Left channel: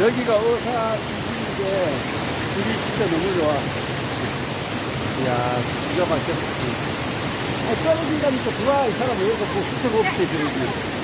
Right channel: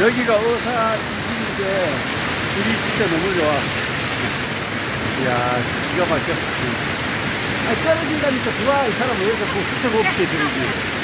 여기가 어사인데 길이 진짜 너무 좋아. 이야, 기가 막혔어. 떨어진다니까 들어와, 이 사람 왜 이렇게 뭐 수색 없이 들지.